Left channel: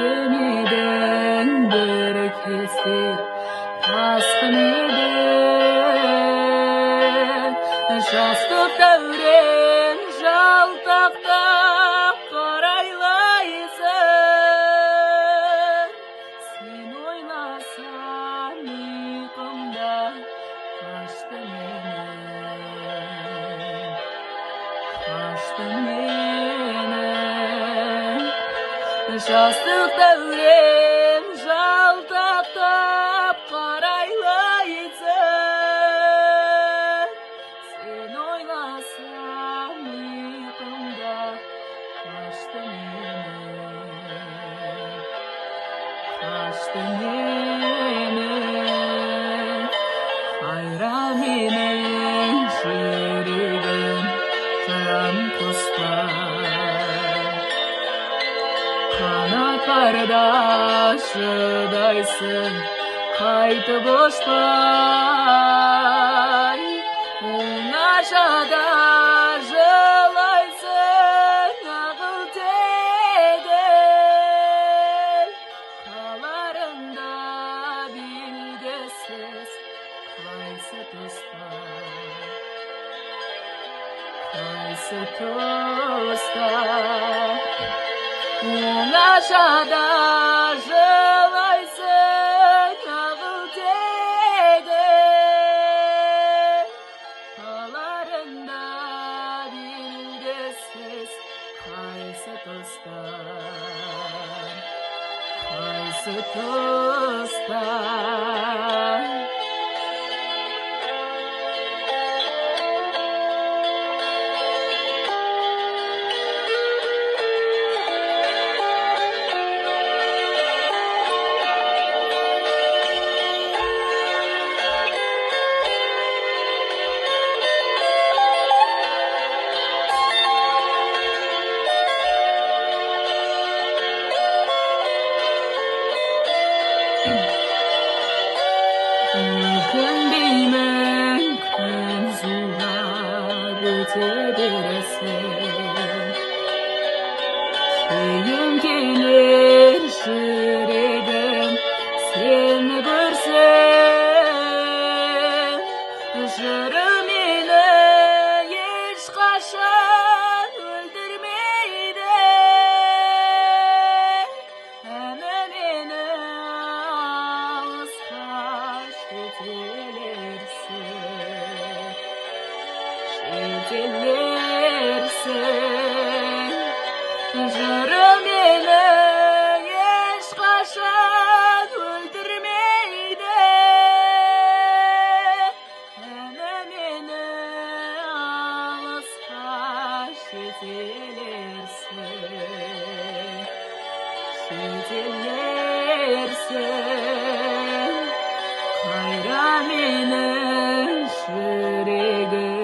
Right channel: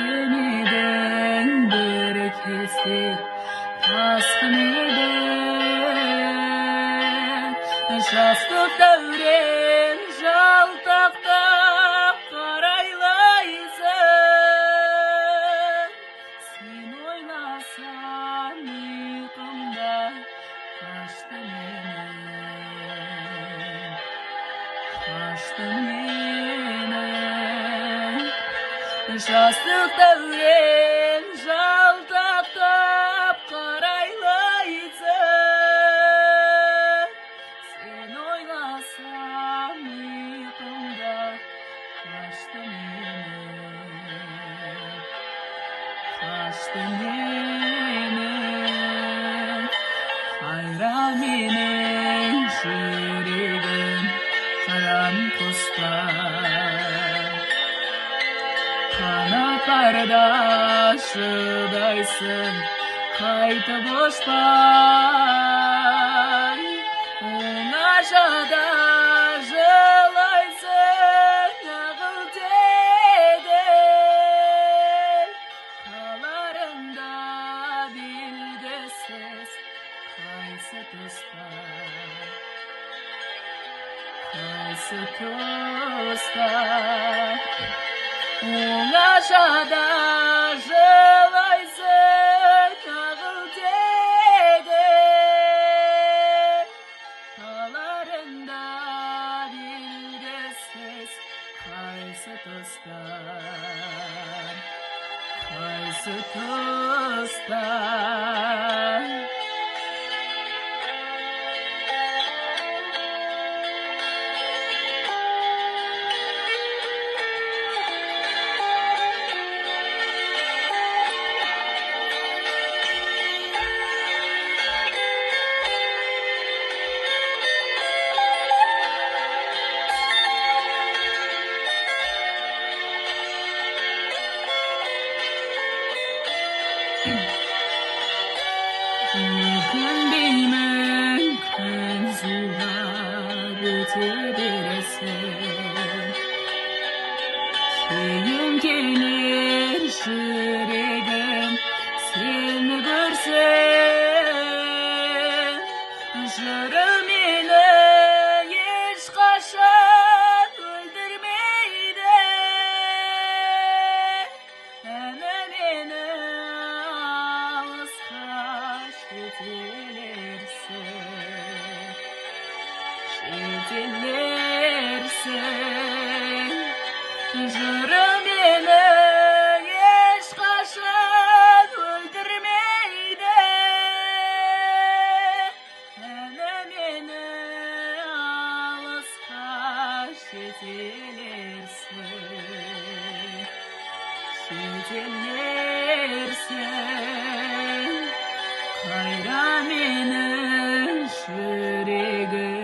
Kütümeden bir kesip tasqın eden Şastı dövren jaltaqta qaraylaysan Sen oylasan uyqumda qaçtı menen Qaçtı menen Şastı dövren jaltaqta qaraylaysan Sen oylasan uyqumda qaçtı menen Qaçtı menen Qayra menen жүрегім қыран құспай Қанаттарда шыдайсың қайтып ұшпай Оңашада жылайсың ағыл тегін Қаларында белгісіз қайсы тұста Қайсы тұста Оңашада жылайсың ағыл тегін Қаларында белгісіз қайсы тұста Қайсы тұста Өкінбеймін күн зулап өте бересің Кейін келер жүрегім сені көрсем Жырым мені ешқашан өлтірмейді Әні мені алысқа Жетелерсің Жырым мені ешқашан өлтірмейді Әні мені алысқа жетелерсің Қайра менің жүрегім